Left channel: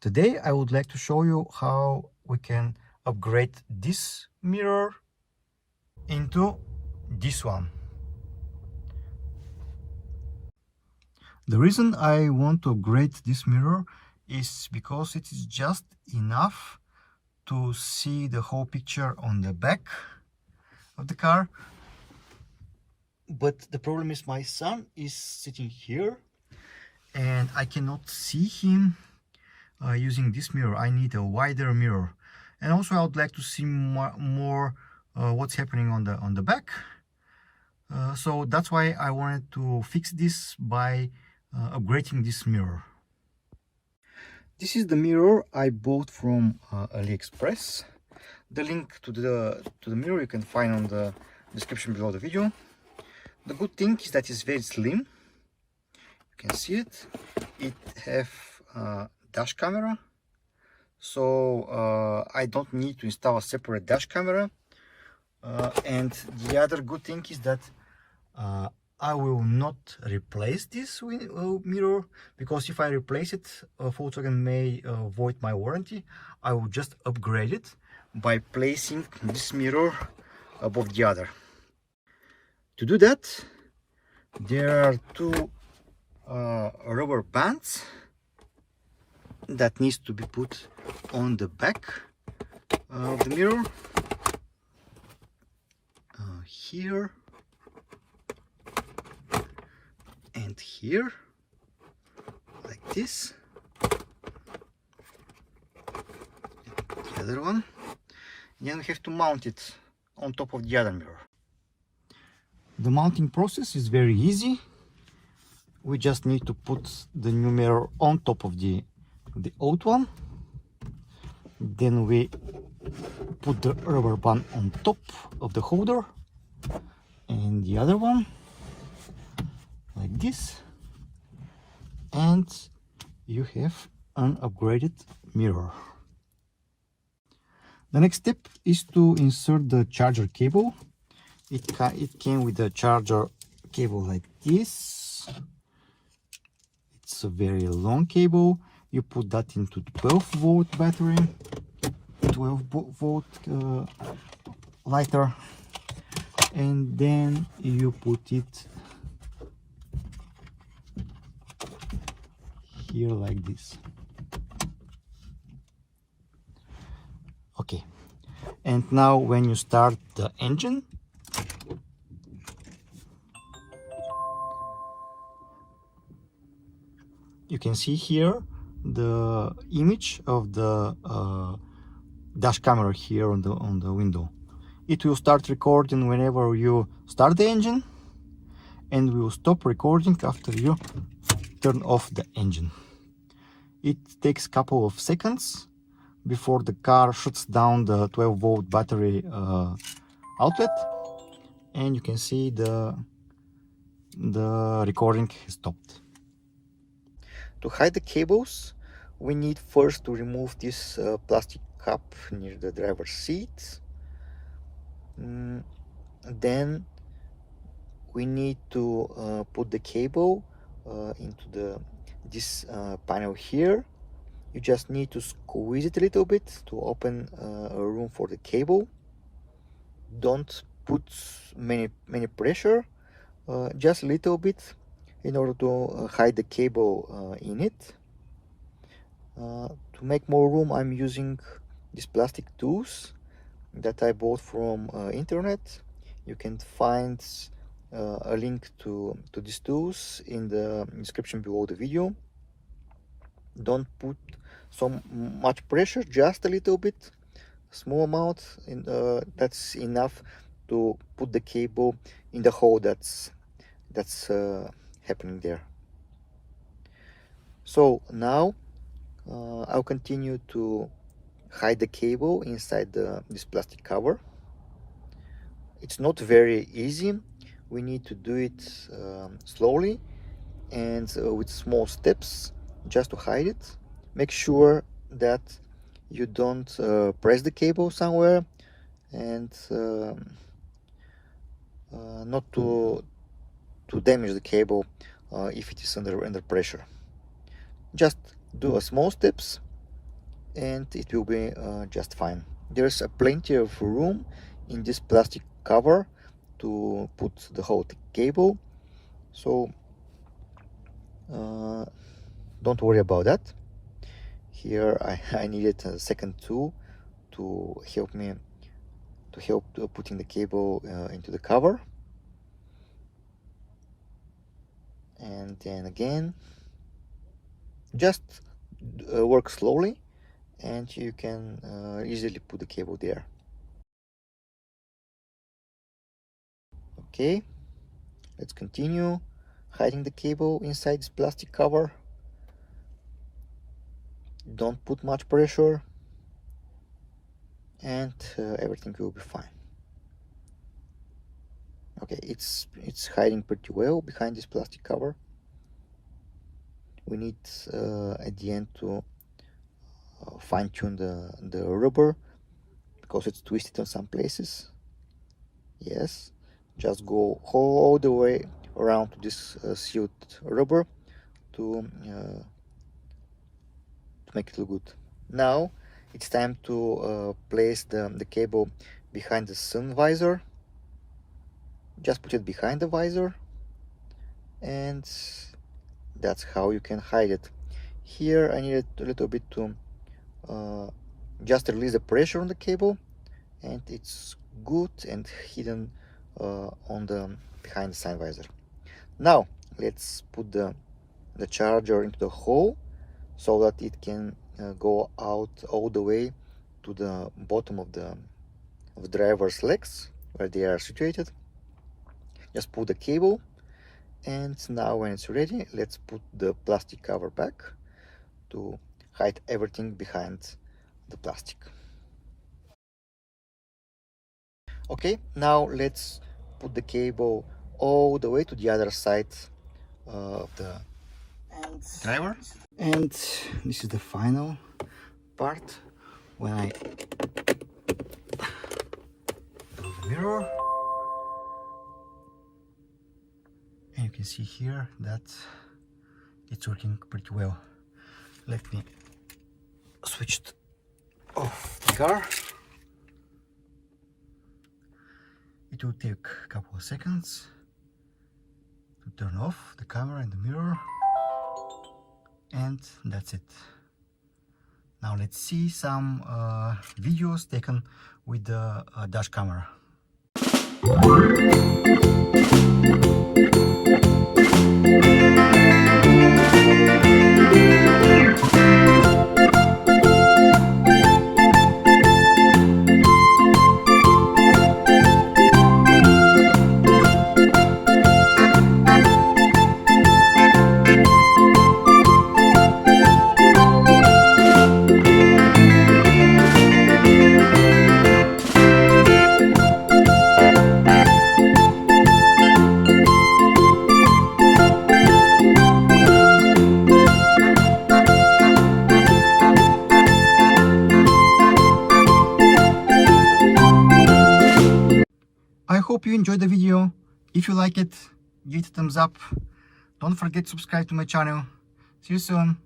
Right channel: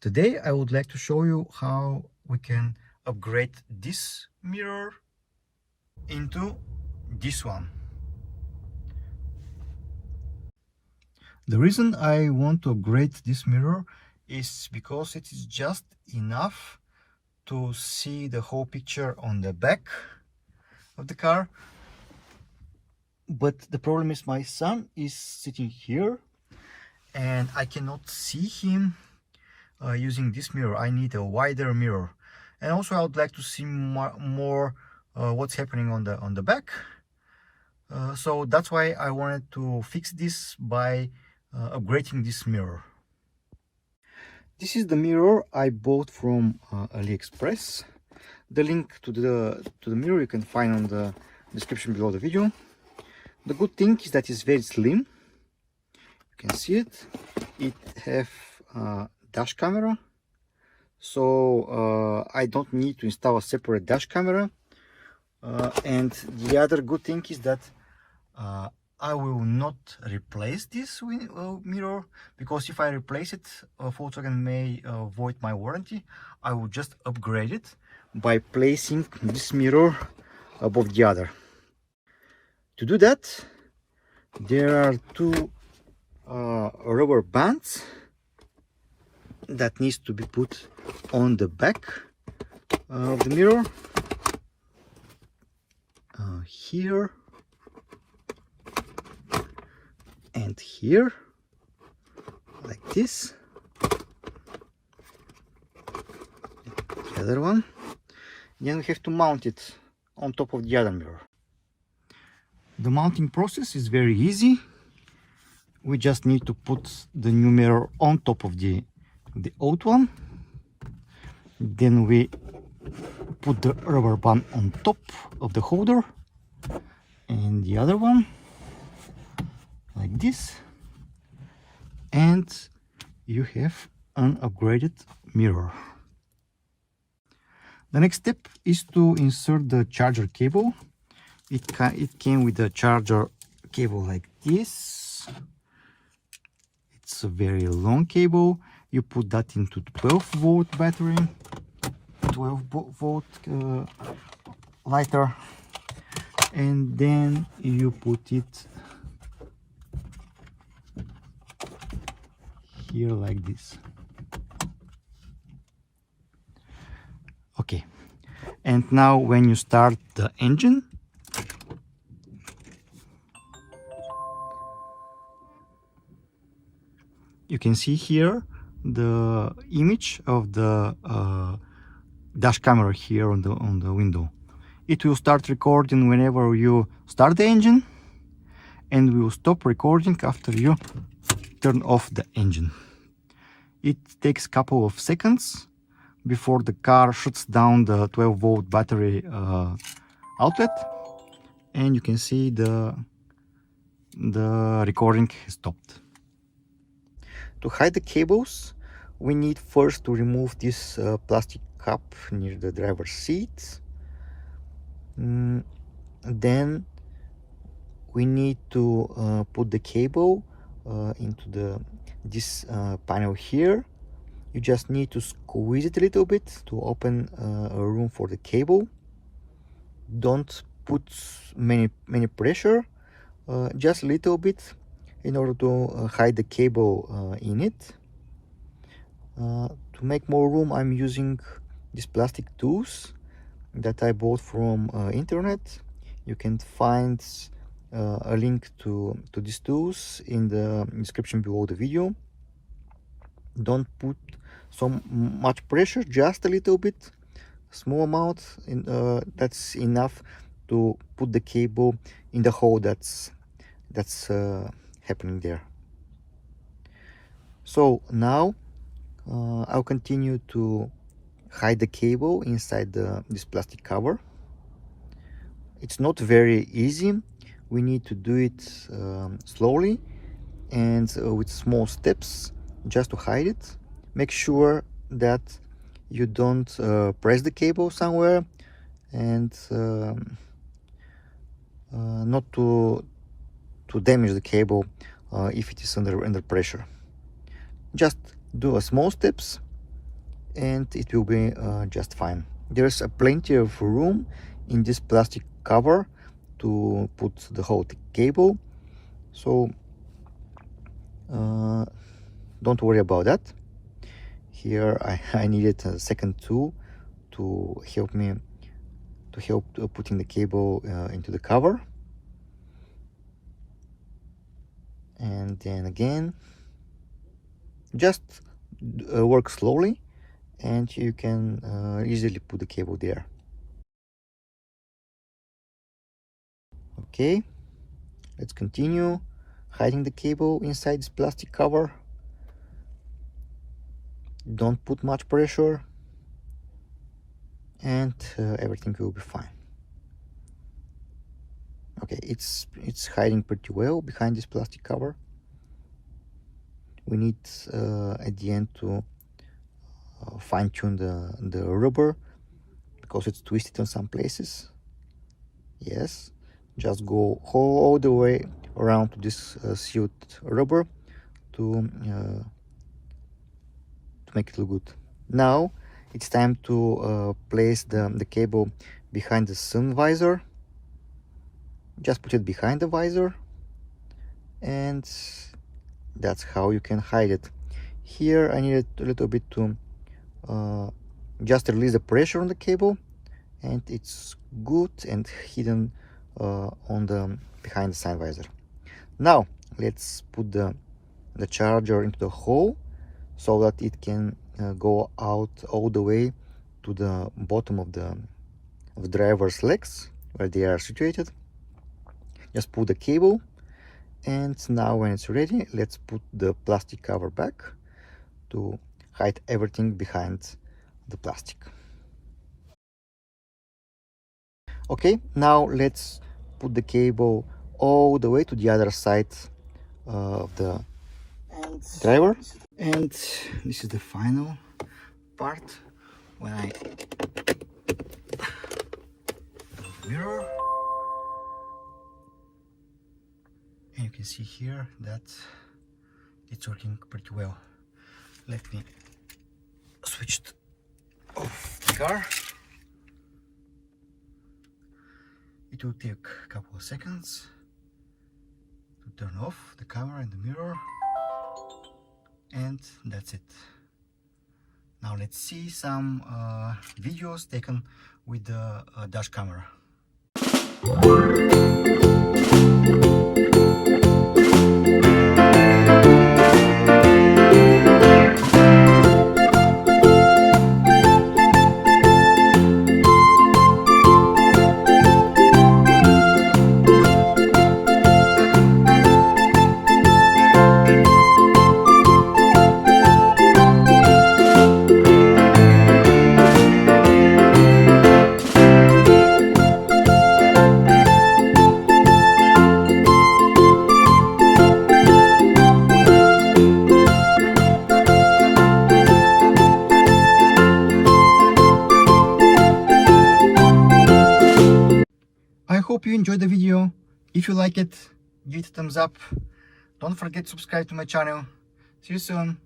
Today I would like to show you how we can upgrade this mirror into this one. The reason I want to upgrade this mirror is because it is just enough to see the whole picture on the back of the car. But the problem is my son is sitting here and I cannot see him using this mirror. I need a wider mirror, and also I would like to see more what's happening on the back. So that's why I wanted to fix this by upgrading this mirror. This is the mirror I bought from AliExpress. The link to the mirror you can find on the description below the video. The good thing is that it's very slim. You can see it. It have dash camera, so I don't need to install a separate dash camera. And the other good thing is that I will not replace this mirror, because if I replace it, Volkswagen may void my warranty. I will just upgrade it by placing this mirror above the other. To do that, there are two rubber bands that needs to be put on the back of the mirror, here and here, like this. The other one, then we have to mount it on top of the other mirror. The mounting process is very easy. We just need to put the new mirror on top of the old one. Then we put the rubber band on top of the holder, and the other one like this, and you have an upgraded mirror. The next step is to insert the charger cable. It came with a charger cable like this. It's a very long cable. You put that into 12-volt battery, 12-volt lighter, and then you put it here like this. Okay, and now when you start the engine, you can see here the image of the dash camera here on the window. It will start recording whenever you start the engine, and will stop recording after you turn off the engine. It takes a couple of seconds before the car shuts down the 12-volt battery outlet, and you can see the recording has stopped. To hide the cables, we need first to remove this plastic cup near the driver's seat. Then we need to put the cable into this panel here. You just need to squeeze it a little bit to open a room for the cable. Don't put many pressure, just a little bit, in order to hide the cable in it. To make more room, I'm using these plastic tools that I bought from internet. You can find a link to these tools in the description below the video. Don't put so much pressure, just a little bit, small amount, and that's enough to put the cable in the hole that's happening there. So now I'll continue to hide the cable inside this plastic cover. It's not very easy. We need to do it slowly and with small steps, just to hide it. Make sure that you don't press the cable somewhere, and not to damage the cable if it is under pressure. Just do a small steps and it will be just fine. There's plenty of room in this plastic cover to put the whole cable, so don't worry about that. Here I needed a second tool to help me putting the cable into the cover, and then again just work slowly and you can easily put the cable there. Okay, let's continue hiding the cable inside this plastic cover. Don't put much pressure and everything will be fine. Okay, it's hiding pretty well behind this plastic cover. We need at the end to fine-tune the rubber because it's twisted in some places. Yes, just go all the way around to this sealed rubber to make it look good. Now it's time to place the cable behind the sun visor. Just put it behind the visor, and that's how you can hide it. Here I needed a little bit to just release the pressure on the cable, and it's good and hidden on the behind the sun visor. Now let's put the charger into the hole so that it can go out all the way to the bottom of the driver's legs where they are situated. Just put the cable, and now when it's ready, let's put the plastic cover back to hide everything behind the plastic. Okay, now let's put the cable all the way to the other side of the driver. And this is the final part when I do the mirror. And you can see here that it's working pretty well. Let me switch off the car. It will take a couple of seconds to turn off the camera and the mirror, and that's it. Now let's see some videos taken with the dash camera. I hope you enjoyed the video. If you like it, give it a thumbs up. Don't forget to subscribe to my channel. See you soon.